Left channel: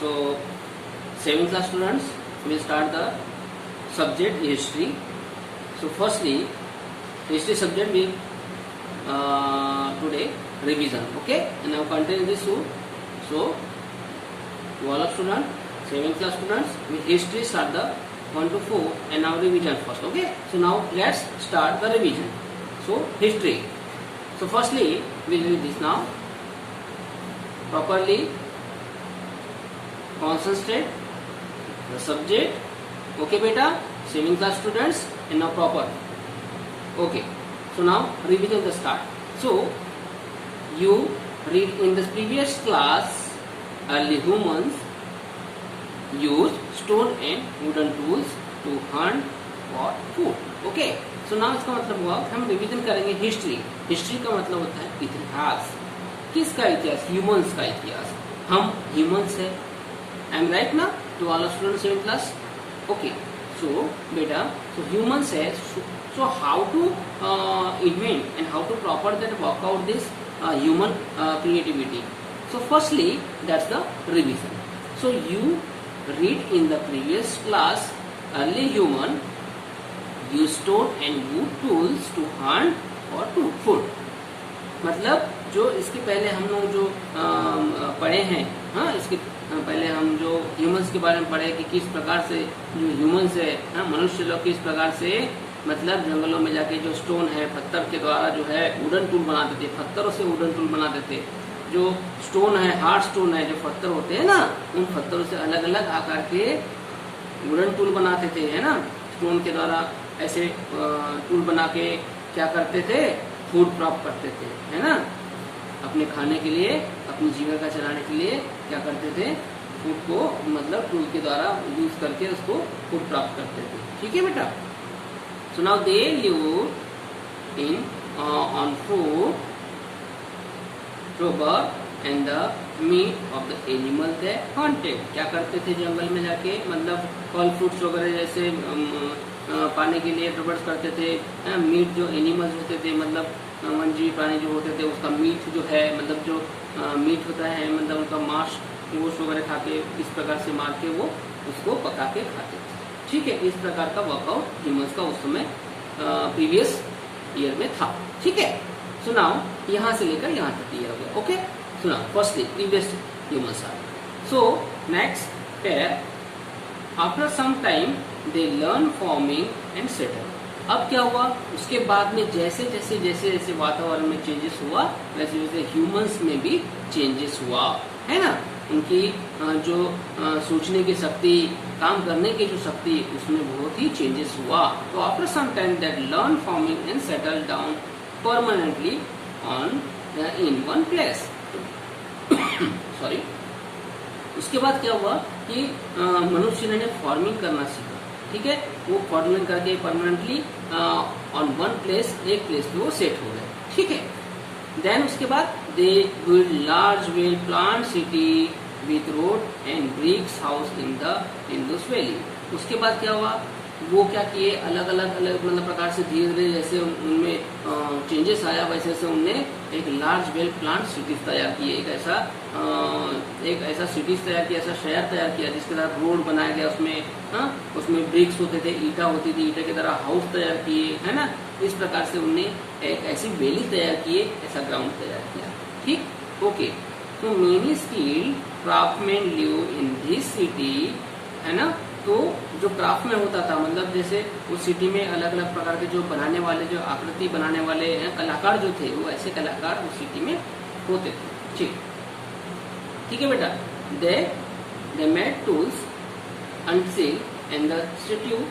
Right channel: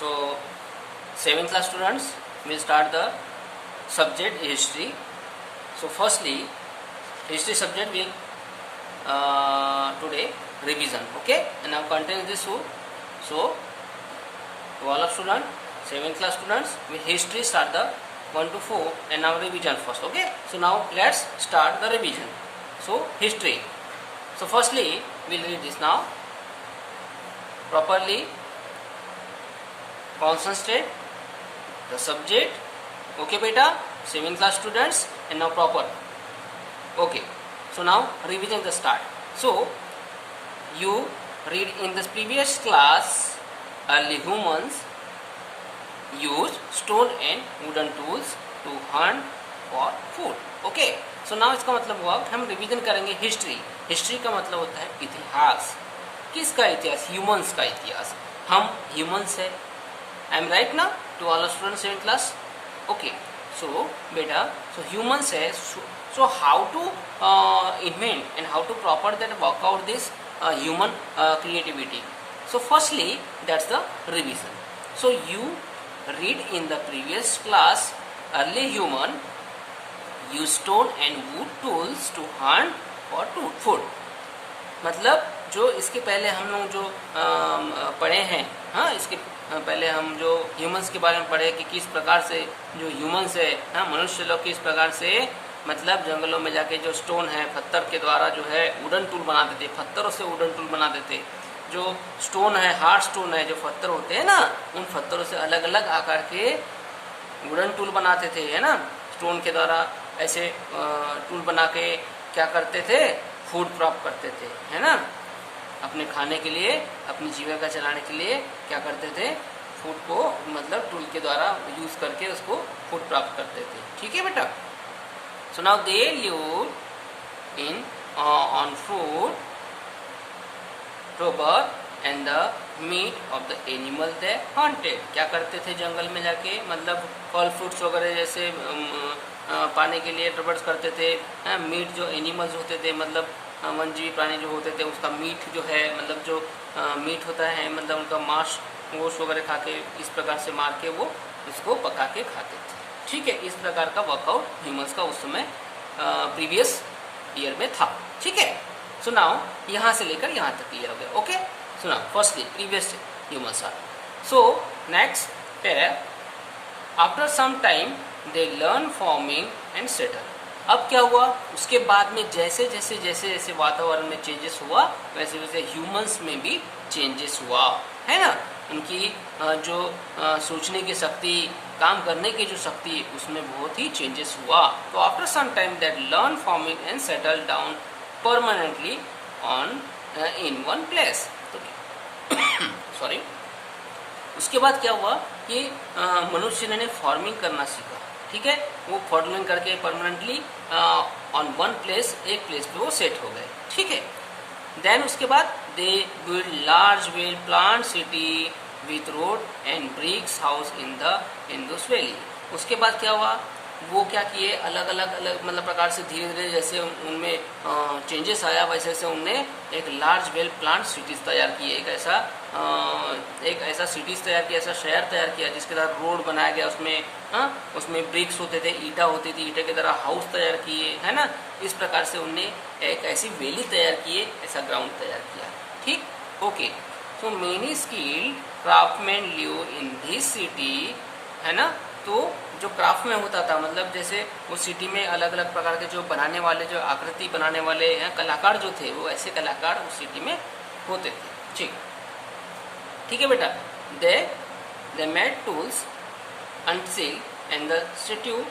So 7th class students will start the subject history. So firstly, history subject will today revision. Okay, and now content this soon. So to all of students, 7th class students, with history start the 1 to 4 and now revision first. Okay, so now let's start the revision. So history. So firstly, we'll read this now properly. Concentrate the subject. Okay beta, 7th class students, and now proper. Okay, so now revision the start. So you read in the previous class, early humans used stone and wooden tools to hunt for food. Okay, so now इसका मतलब हुआ कि हम revision करेंगे history. History का मतलब होता है इतिहास. किसका इतिहास? ह्यूमंस का इतिहास. हम ह्यूमंस है. आई एम राइट ना to all students 7th class. Okay, so बेटा, सो ह्यूमंस है. So how to invent and how to proper that work out this human creativity. So firstly, that's the revision. So you read in the previous class, early human use stone and wood tools to hunt for food. मतलब जो इसके पहले हम लोग जो पढ़े हैं, हाँ, इसके पहले हम जो ह्यूमंस के बारे में पढ़े कि किस प्रकार से जो ह्यूमंस है, हाँ, मनुष्य लोग किस प्रकार से मतलब जंगलों में जाके जो स्टोन है, पत्थर के द्वारा जो है वुडन टूल बनाते थे, पत्थरों से वुडन टूल बनाते थे. जो स्टोन है, हार्ड स्टोन है, जो पत्थर होते हैं ना, उन पत्थरों से अलग अलग आकार के वुडन टूल बनाते थे, है ना. स्टोन के द्वारा ऐसे टूल बना के क्या करते थे? फूड प्राप्त करते थे, है ना. अपने खाने के लिए, अपनी जीविका चलाने के लिए क्या करते थे? फूड को मतलब टूल के द्वारा यूज करके उसको फूड प्राप्त करते थे. ठीक है बेटा. So now they live in on food, rubber and the meat of the animal they hunted. क्या करते थे जंगल में जाके? मतलब फल फ्रूट्स वगैरह जैसे पाने के लिए रबर्स करते थे. मीट जो एनिमल्स होते थे, मतलब वन्यजीवी प्राणी जो होते थे, उसका मीट जो है, मतलब जो मीट होता है, मतलब उनका मांस गोश्त वगैरह खा के इस प्रकार से मार के वो इसको पका के खाते थे. ठीक है, इस प्रकार का वर्कआउट ह्यूमंस का उस समय प्रीवियस ईयर में था. ठीक है. सो नाउ यहाँ से लेकर यहाँ तक क्लियर हो गया. ओके, सुना firstly previous humans are. So next pair, after some time they learn farming and settle. अब क्या हुआ? उसके बाद में जैसे जैसे जैसे जैसे वातावरण में चेंजेस हुआ, वैसे वैसे ह्यूमंस में भी चेंजेस हुआ, है ना. उनकी जो सोचने की शक्ति, काम करने की जो शक्ति, उसमें बहुत ही चेंजेस हुआ. तो after some time that learn farming and settle down permanently on in one place. Sorry. उसके बाद क्या हुआ कि मनुष्य ने फार्मिंग करना सीखा. ठीक है, वो फार्मिंग करके परमानेंटली ऑन वन प्लेस, एक प्लेस पे वो सेट हो गए. ठीक है. देन उसके बाद they build large well plant city with road and bricks house in the Indus valley. उसके बाद क्या हुआ? वो क्या किए? अलग अलग मतलब प्रकार से धीरे धीरे जैसे उनमें चेंजेस आया, वैसे वैसे उनने एक लार्ज वेल प्लांट सिटीज तैयार किए. एक ऐसा सिटीज तैयार किया, ऐसा शहर तैयार किया जिसके द्वारा रोड बनाया गया. उसमें ब्रिक्स होते थे, ईटा होती थी, ईटे के द्वारा हाउस तैयार किए, है ना. इस प्रकार से उनने एक ऐसी वैली तैयार किए, ऐसा ग्राउंड तैयार किया. ठीक. Okay. So many skilled craftsman live in this city, है ना. तो जो क्राफ्ट में होता था, मतलब जैसे उस सिटी में अलग अलग प्रकार के जो बनाने वाले, जो आकृति बनाने वाले कलाकार जो थे, वो ऐसे कलाकार उस सिटी में होते थे. ठीक. ठीक है बेटा. They made tools and seal and the statue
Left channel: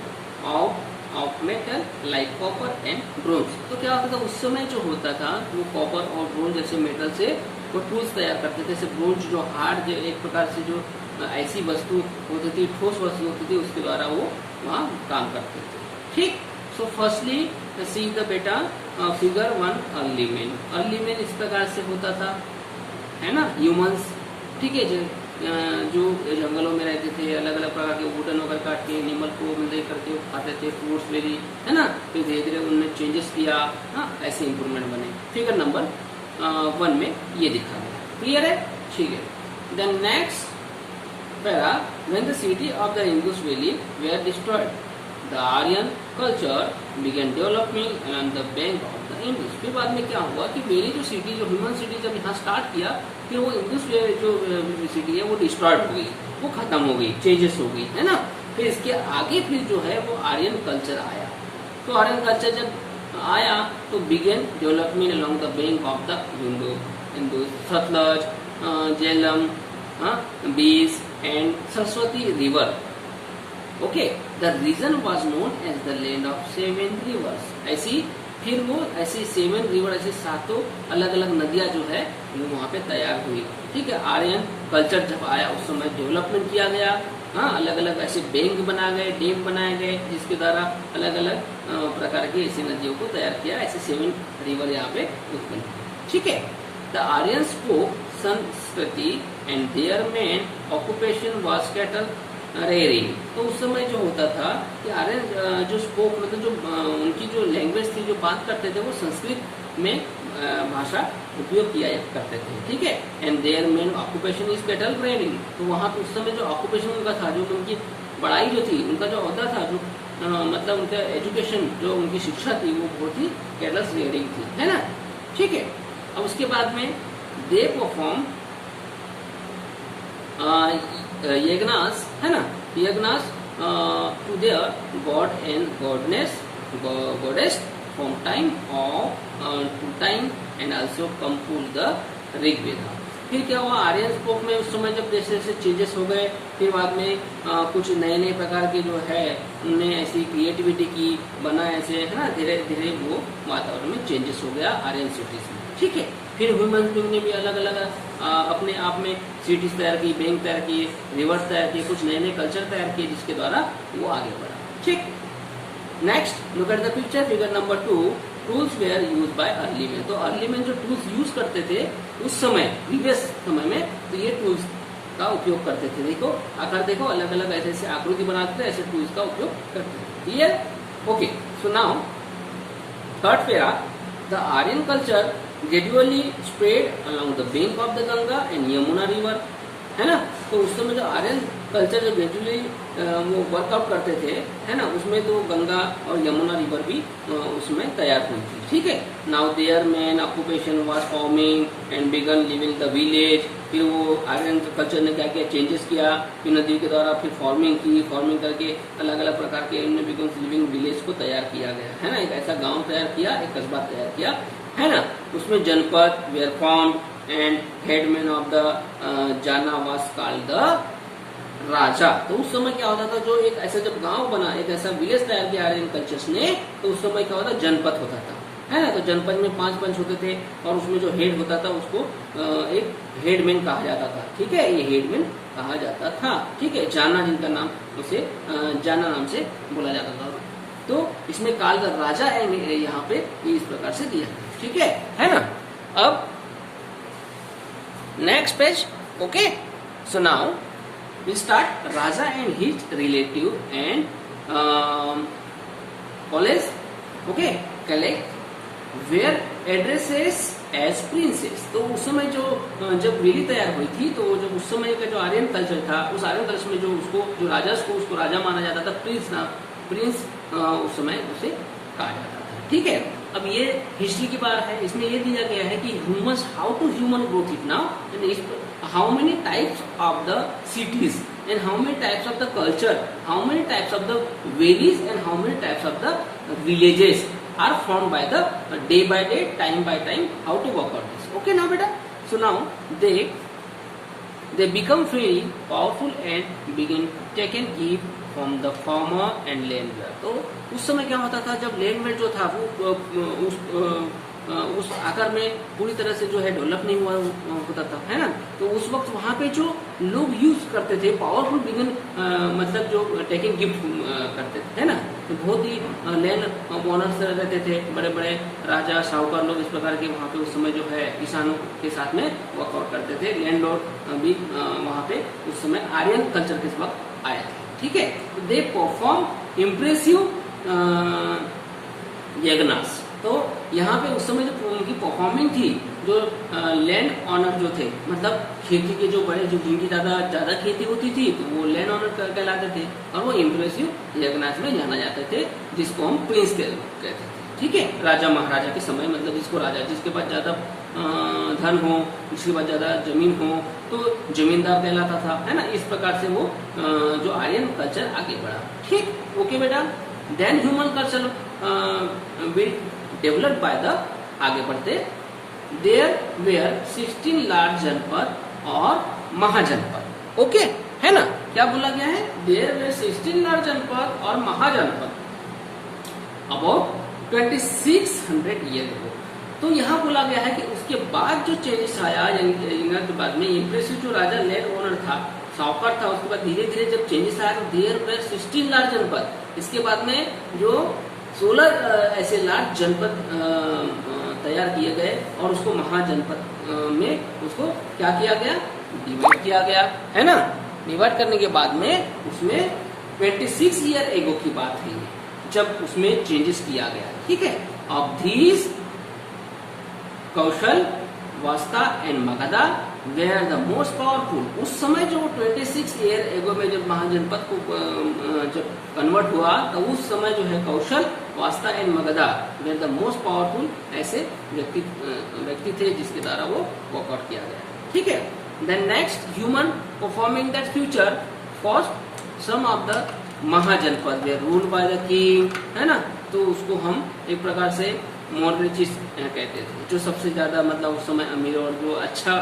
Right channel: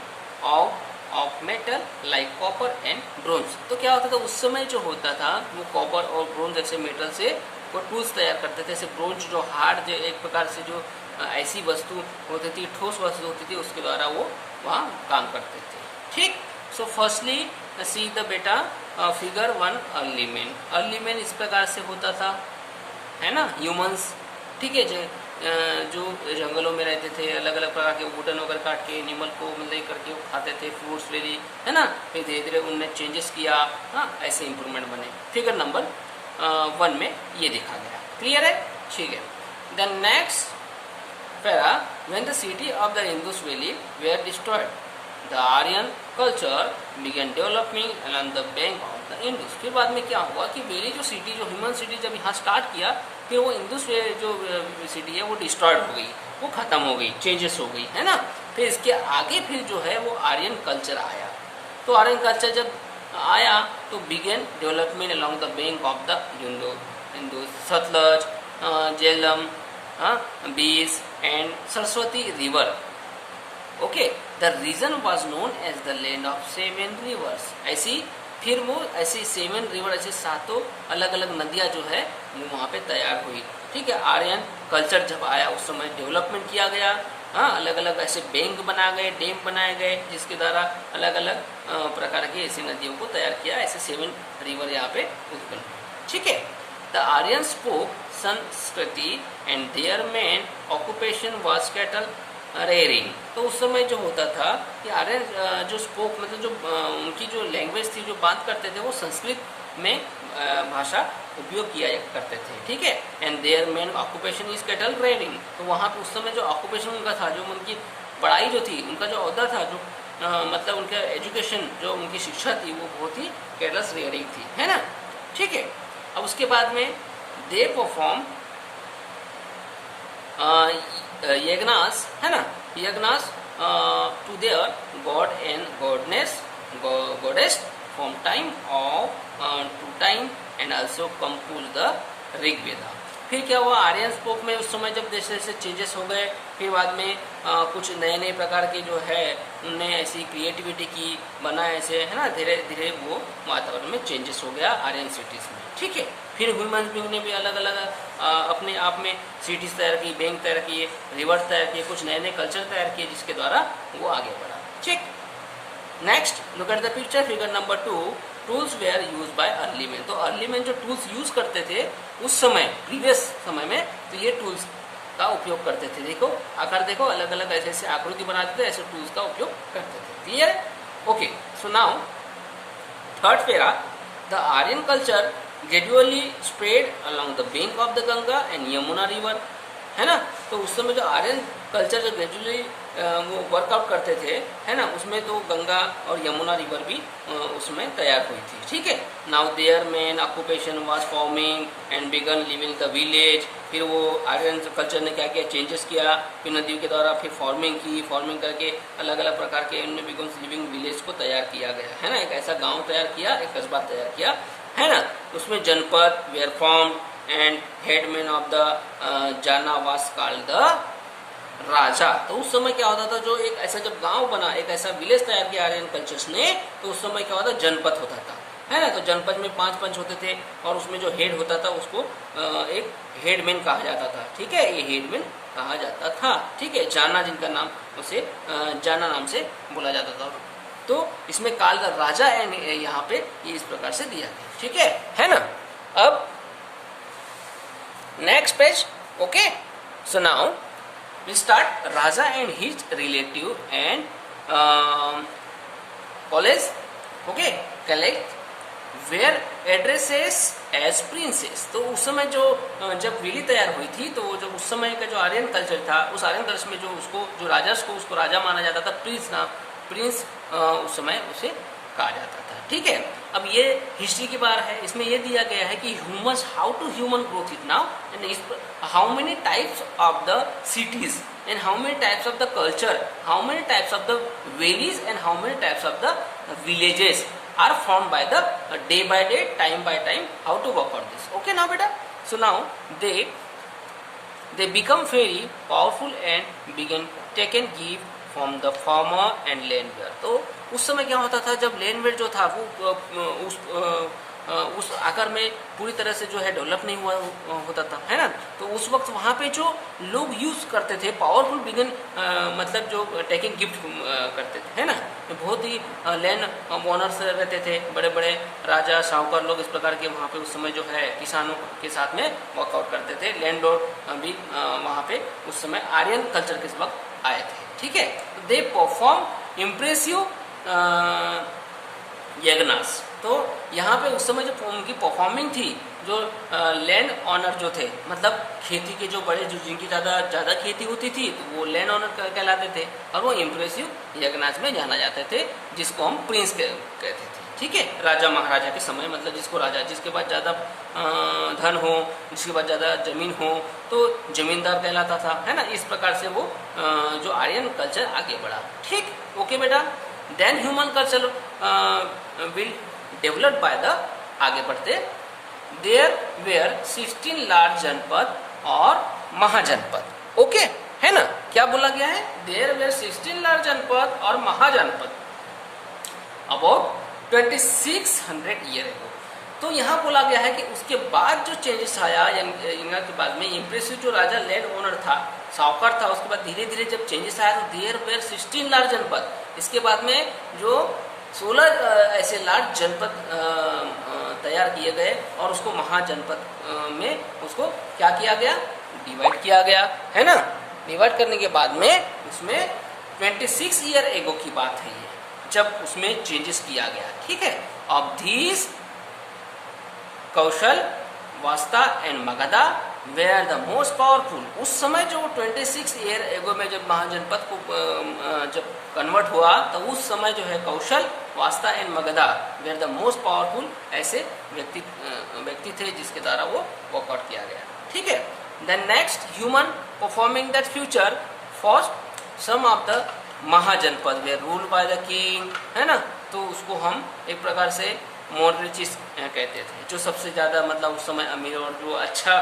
of metal like copper and bronze. तो क्या होता था उस समय जो होता था, वो कॉपर और ब्रोंज जैसे मेटल से वो टूल्स तैयार करते थे. जैसे ब्रोंज जो हार्ड, एक प्रकार से जो ऐसी वस्तु होती थी, ठोस वस्तु होती थी, उसके द्वारा वो वहाँ काम करते थे. ठीक. सो फर्स्टली सी द बेटा figure 1 early man. Early man इस प्रकार से होता था, है ना, ह्यूमंस. ठीक है. जो जंगलों में रहते थे, अलग अलग प्रकार के वुडन वगैरह काट के एनिमल को मतलब करके वो खाते थे, फ्रूट्स वेरी, है ना. फिर धीरे धीरे उनने चेंजेस किया, हाँ, ऐसे इंप्रूवमेंट बने. फिगर नंबर 1 में ये दिखा गया. क्लियर है? ठीक है. Then next para, when the city of the Indus Valley were destroyed, the Aryan culture began developing along the bank of the Indus. फिर बाद में क्या हुआ कि पहली जो सिटी, जो ह्यूमन सिटी जब यहाँ स्टार्ट किया, कि वो इंडस जो सिटी है वो डिस्ट्रॉयड हो गई, वो खत्म हो गई, चेंजेस हो गई, है ना। फिर इसके आगे फिर जो है वो आर्यन कल्चर आया। तो आर्यन कल्चर जब आया तो began development along the bank of the Indus, Sutlej, Jhelum, Beas and Saraswati river. Okay, the region was known as the land of 7 rivers. ऐसी फिर वो ऐसी 7 रिवर, ऐसे 7 अलग अलग नदियां जो है वो वहाँ पे तैयार हुई। ठीक है, आर्यन कल्चर जब आया उस समय डेवलपमेंट किया गया। हाँ, अलग अलग ऐसे बैंक बनाए गए, डैम बनाए गए, जिसके द्वारा अलग अलग प्रकार की ऐसी नदियों को तैयार किया। ऐसे 7 रिवर यहाँ पे उत्पन्न। ठीक है, the Aryan spoke Sanskrit and their main occupation was cattle rearing. तो उस समय जो होता था कि आर्यन जो स्पोक, मतलब जो उनकी जो लैंग्वेज थी, जो बात करते थे, वो संस्कृत में भाषा उपयोग किया करते थे। ठीक है, and their main occupation is cattle rearing. तो वहाँ पे उस समय जो ऑक्यूपेशन उनका था, जो उनकी पढ़ाई जो थी, उनका जो औहदा था, जो मतलब उनका एजुकेशन, जो उनकी शिक्षा थी, वो बहुत ही कैटल्स रेयरिंग थी, है ना। ठीक है, अब उसके बाद में दे परफॉर्म यज्ञास, है ना, yajnas to their god and goddess from time to time and also compose the Rigveda. फिर क्या हुआ, आर्यन स्पोक में उस समय जब जैसे जैसे चेंजेस हो गए, फिर बाद में कुछ नए नए प्रकार के जो है उनने ऐसी क्रिएटिविटी की, बना ऐसे, है ना, धीरे धीरे वो वातावरण में चेंजेस हो गया आर्यन सिटीज में। ठीक है, फिर ह्यूमन बींग ने भी अलग अलग अपने आप में सिटीज तैयार की, बैंक तैयार किए, रिवर्स तैयार किए, कुछ नए नए कल्चर तैयार किए, जिसके द्वारा वो आगे बढ़ा। ठीक, next look at the picture, figure number 2। Tools were use by early man. तो अर्ली मैन जो टूल्स यूज करते थे उस समय, प्रीवियस समय में, तो ये टूल्स का उपयोग करते थे। देखो आकर, देखो अलग अलग ऐसे ऐसे आकृति बनाते थे, ऐसे टूल्स का उपयोग करते थे। Clear? Okay, so now third para, the Aryan culture gradually spread along the bank of the Ganga and Yamuna river, है ना। तो उस समय जो आर्यन कल्चर जो ग्रेजुअली वो वर्कआउट करते थे, है ना, उसमें तो गंगा और यमुना रिवर भी उसमें तैयार हुई थी। ठीक है, now their main occupation was farming and began living the village. फिर वो आर्यन कल्चर ने क्या किया, चेंजेस किया, फिर नदियों के द्वारा फिर फार्मिंग की, फार्मिंग करके अलग अलग प्रकार के इनमें बिगन लिविंग विलेज को तैयार किया गया, है ना। एक ऐसा गाँव तैयार किया, एक कस्बा तैयार किया, है ना। उसमें janapada were formed and headman of the jana was called the raja. तो उस समय क्या होता था, जो एक ऐसा जब गांव बना, एक ऐसा विलेज तैयार किया आर्यन कल्चर्स ने, तो उस समय क्या होता, जनपद होता था, है ना। तो जनपद में 5 पंच होते थे, और उसमें जो हेड होता था उसको एक हेडमैन कहा जाता था। ठीक है, ये हेडमैन कहा जाता था। ठीक है, जाना जिनका नाम, उसे जाना नाम से बोला जाता था। तो इसमें काल द राजा यहाँ पे ये इस प्रकार से दिया गया। ठीक है ना। अब next page, okay, so now we start Raja and his relative and college, okay, collect where addresses as princess। तो उस समय जो जब वेली तैयार हुई थी, तो जब उस समय का जो आर्यन कल्चर था, उस आर्यन कल्चर में जो जो राजा को उसको राजा माना जाता था, प्रिंस उस समय उसे कहा जाता था। ठीक है, अब ये हिस्ट्री की बात है, इसमें ये दिया गया है कि human, how to human growth it now, and how many types of the cities and how many types of the culture, how many types of the valleys and how many types of the villages are formed by the day by day, time by time, how to work on this. Okay now beta, so now they become very powerful and begin taking gift from the farmer and landlord। तो उस समय क्या होता था, जब landlord जो था वो उस आकार में पूरी तरह से जो है डेवलप नहीं हुआ होता था, है ना। तो उस वक्त वहाँ पे जो लोग यूज करते थे, पावरफुल बिगन, मतलब जो टेकिंग गिफ्ट करते थे, है ना। बहुत ही लैंड ओनर्स रहते थे, बड़े बड़े राजा साहूकार लोग इस प्रकार के वहाँ पे उस समय जो है किसानों के साथ में वर्कआउट करते थे। लैंडलॉर्ड भी वहाँ पे उस समय आर्यन कल्चर के वक्त आए थे। ठीक है, दे परफॉर्म इम्प्रेसिव यज्ञास। तो यहाँ पे उस समय जो उनकी परफॉर्मिंग थी, जो लैंड ऑनर जो थे, मतलब खेती के जो बड़े, जो जिनकी ज्यादा खेती होती थी, तो वो लैंड ऑनर कहलाते थे, और वो इम्प्रेसिव यज्ञनाथ में जाना जाते थे, जिसको हम प्रिंस कहते थे। ठीक है, राजा महाराजा के समय, मतलब जिसको राजा, जिसके पास ज्यादा धन हो, जिसके पास ज्यादा जमीन हो, तो जमींदार कहलाता था, है ना। इस प्रकार से वो जो आर्यन कल्चर आगे बढ़ा। ठीक, ओके बेटा। Then human culture will develop by the, आगे बढ़ते, देयर वेयर 16 लार्ज जनपद और महाजनपद। ओके, है ना। क्या बोला गया है? देयर वेयर 16 लार्ज जनपद और महाजनपद अबाउट 2600 ईयर एगो। तो यहाँ बोला गया है कि उसके बाद जो चेंजेस आया यज्ञनाथ के बाद में, इम्प्रेसिव जो राजा लैंड ओनर था, साहूकार था, उसके बाद धीरे धीरे जब चेंजेस आया तो देयर वेयर 16 लार्ज जनपद, इसके बाद में जो 16 ऐसे लार्ज जनपद तैयार किए गए, और उसको महाजनपद में उसको क्या किया गया? डिवाइड किया गया, है ना। डिवाइड करने के बाद में उसमें 26 ईयर एगो की बात है ये, जब उसमें चेंजेस किया गया। ठीक है। ऑफ दीज कौशल, वास्ता and Magadha were the most powerful. उस समय जो 26 ईयर एगो में जब महाजनपद को जब कन्वर्ट हुआ, तो उस समय जो है कौशल, वास्ता and Magadha were the most powerful ऐसे व्यक्ति थे, जिसके द्वारा वो वॉकआउट किया गया। ठीक है। Then next, human performing that future first some of the Mahajanapada were ruled by the king, है ना। तो उसको हम एक प्रकार से मॉडरेचिस्ट कहते थे, जो सबसे ज्यादा मतलब उस समय अमीर और जो अच्छा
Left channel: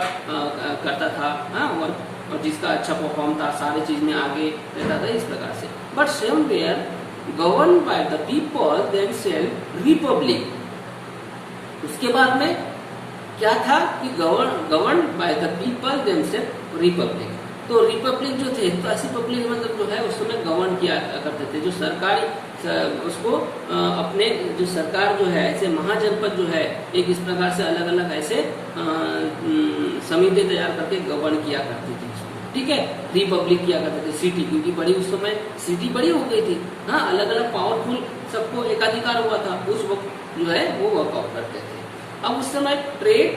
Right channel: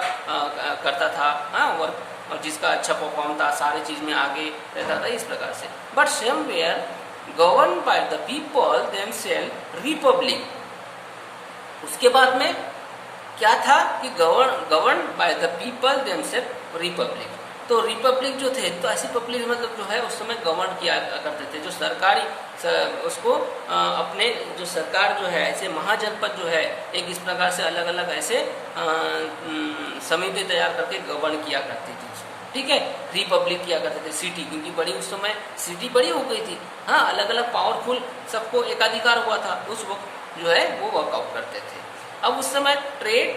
करता था, और जिसका अच्छा परफॉर्म था, सारी चीज में आगे रहता था, इस प्रकार से। But some were govern by the people themselves, republic. उसके बाद में क्या था कि govern by the people themselves, republic. तो रिपब्लिक जो थे, तो ऐसी पब्लिक मतलब जो है उस समय गवर्न किया करते थे, जो सरकारी उसको अपने जो सरकार जो है, ऐसे महाजनपद जो है, एक इस प्रकार से अलग अलग ऐसे समिति तैयार करके गवर्न किया करती थी। ठीक है। रिपब्लिक किया करते थे, सिटी, क्योंकि बड़ी उस समय सिटी बड़ी हो गई थी, हाँ, अलग अलग पावरफुल सबको एकाधिकार हुआ था, उस वक्त जो है वो वर्कआउट करते थे। अब उस समय trade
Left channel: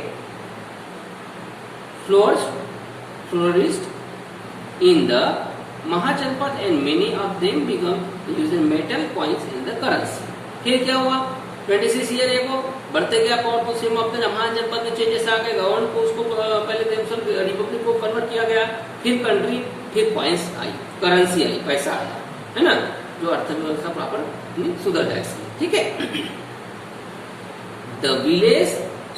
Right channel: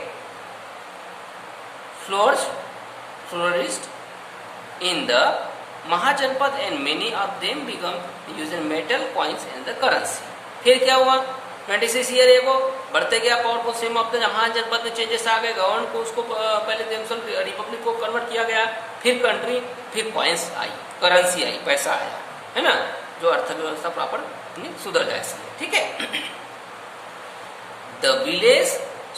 flourished in the महाजनपद and many of them become using metal coins in the currency। फिर क्या हुआ? 26 ईयर एगो बढ़ते गया पावरफुल, सेम ऑफ द महाजनपद में चेंजेस आ गए, गवर्न को उसको पहले रिपब्लिक को कन्वर्ट किया गया, फिर कंट्री, फिर कॉइन्स आई, करेंसी आई, पैसा आया, है ना, जो अर्थव्यवस्था प्रॉपर सुधर जाए। ठीक है। The village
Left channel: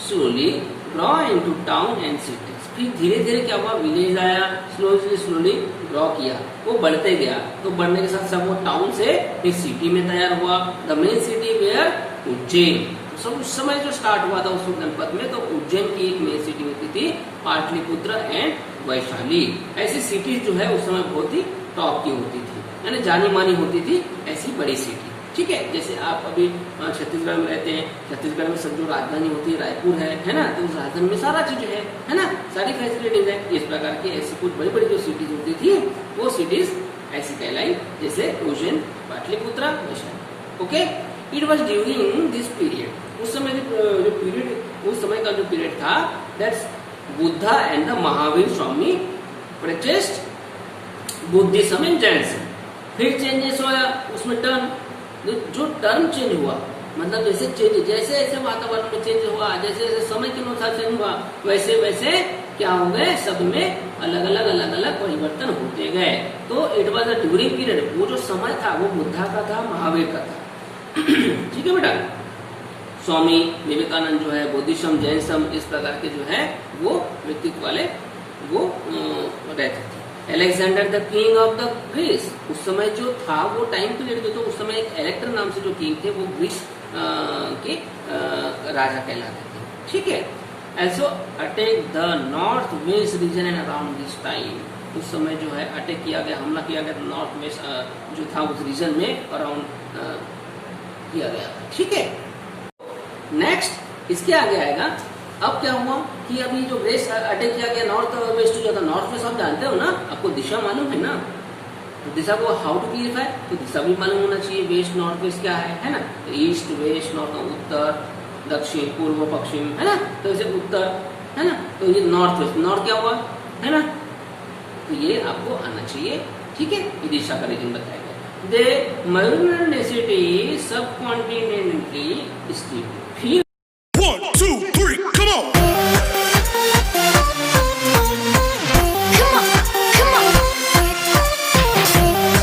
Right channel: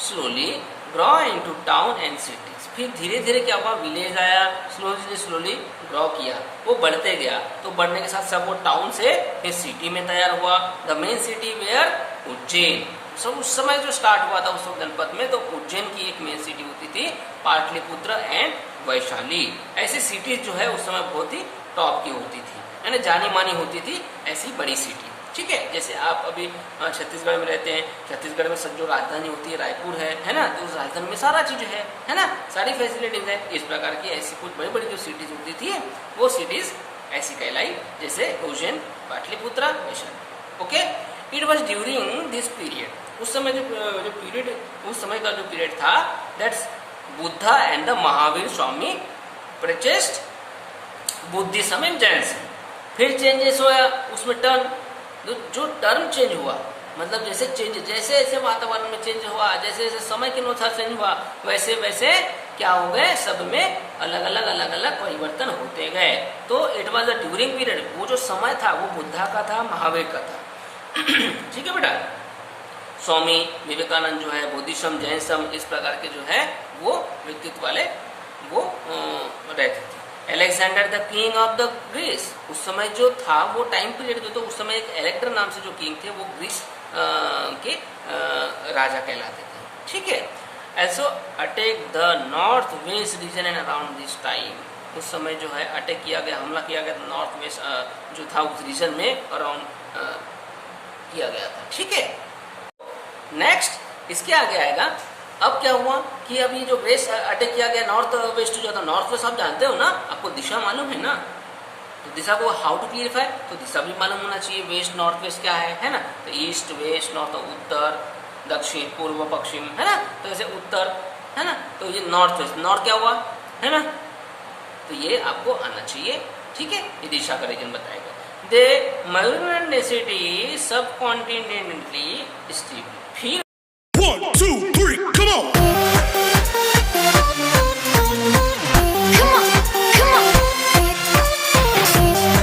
slowly draw into town and city. फिर धीरे धीरे क्या हुआ? विलेज आया, स्लोली ड्रॉ किया, वो बढ़ते गया, तो बढ़ने के साथ सब वो टाउन से फिर सिटी में तैयार हुआ। The main city were Ujjain. सब उस समय जो स्टार्ट हुआ था उस जनपद में, तो उज्जैन की एक मेन सिटी होती थी, पाटलिपुत्र एंड वैशाली। ऐसी सिटी जो है उस समय बहुत ही टॉप की होती थी, यानी जानी मानी होती थी, ऐसी बड़ी सिटी। ठीक है। जैसे आप अभी छत्तीसगढ़ में रहते हैं, छत्तीसगढ़ में सब जो राजधानी होती है रायपुर है ना, तो उस राजधानी में सारा चीज है ना, सारी फैसिलिटीज है। इस प्रकार की ऐसी कुछ बड़ी बड़ी जो सिटीज होती थी, वो सिटीज ऐसी कहलाई, जैसे Ujjain, Pataliputra, Vaishali. Okay. It was during this period, उस समय जो पीरियड, उस समय का जो पीरियड था, that's Buddha and the Mahavir Swami preached Buddhism and Jainism. फिर चेंजेस हुआ उसमें, टर्म जो टर्म चेंज हुआ, मतलब जैसे जैसे वातावरण में चेंज हुआ, जैसे समय के अनुसार चेंज हुआ, वैसे वैसे क्या हो गए, सब में अलग अलग परिवर्तन होते गए। तो it was a during period, वो जो समय था वो बुद्धा का था, महावीर का था। ठीक है बेटा। स्वामी विवेकानंद जो है, बुद्धिज्म, जैनिज्म, इस प्रकार के जो है वो व्यक्तित्व वाले वो रहते थे। Alexander the king of the Greece, उस समय जो था वो टाइम पीरियड जो, तो उस समय एक एलेक्टर नाम से जो किंग थे, वो ग्रीस के राजा कहलाते थे। ठीक है। Also attack the north west region and around this time, उस समय जो है अटैक किया गया, हमला किया गया नॉर्थ वेस्ट जो था उस रीजन में अराउंड किया गया था। ठीक है। नेक्स्ट इसके आगे आएगा, अब क्या हुआ कि अभी जो वेस्ट अटैक किया गया, नॉर्थ वेस्ट जो था, नॉर्थ वेस्ट आप जानते हो ना, आपको दिशा मालूम है ना, तो दिशा को हाउ टू क्लियरिफाई, तो दिशा भी मालूम होना चाहिए, वेस्ट नॉर्थ वेस्ट क्या है ना, तो ईस्ट वेस्ट नॉर्थ उत्तर, दक्षिण, पूर्व, पश्चिम, है ना। तो जैसे उत्तर, है ना, तो ये नॉर्थ वेस्ट, नॉर्थ क्या हुआ, है ना। तो ये आपको आना चाहिए, ठीक है। ये दिशा का रीजन बताएगा। दे मल्टीप्लिसिटी सब कॉन्टिनेंटली स्टीप। फिर